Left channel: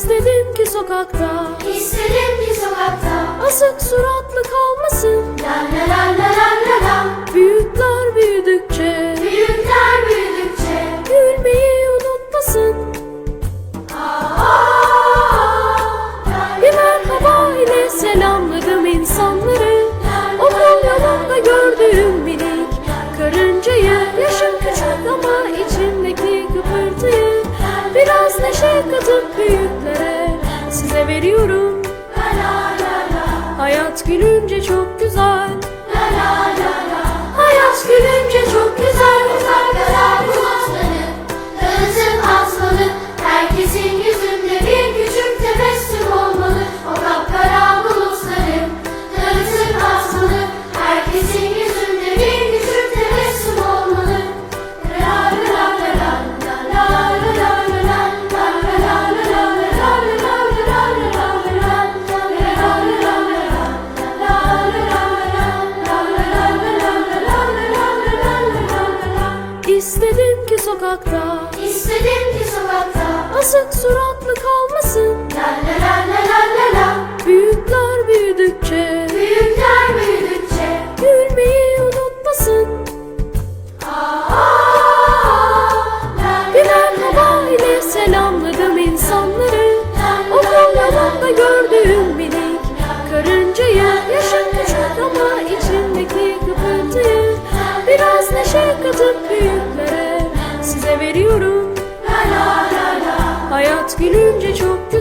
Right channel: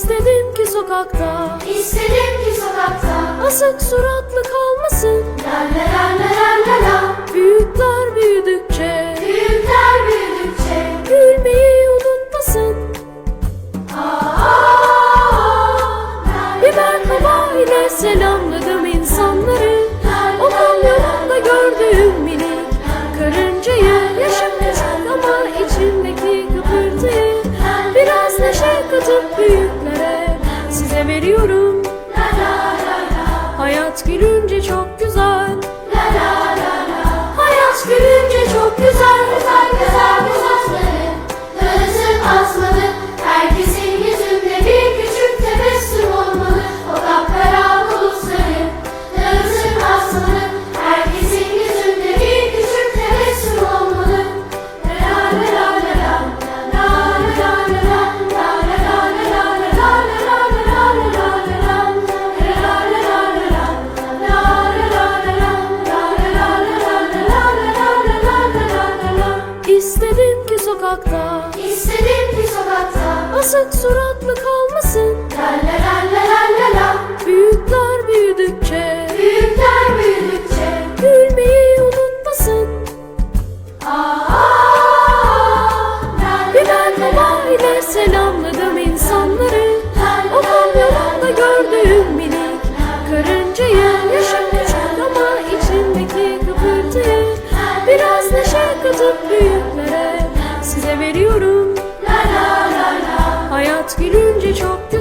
İstedim ki sokakta İstedim ki sokakta Asık suratlı kalmasın La la la Neşe katıp büyüklere size veriyorum. Hayat gülünce çok sokakta. İstedim ki sokakta. Asık suratlı kalmasın. La la la la la la la. Büyükler büyüdükçe. Büyükler büyüdükçe. Gülmeyi unutmasın. Bir merhaba ile selamladım insanları. Okul yolunda gördüğüm minik karıncayı. Yaşım küçük ama içimdeki kıpırtıyı Biraz neşe katıp veriyorum. La la la la. Hayat gülünce çok güzel.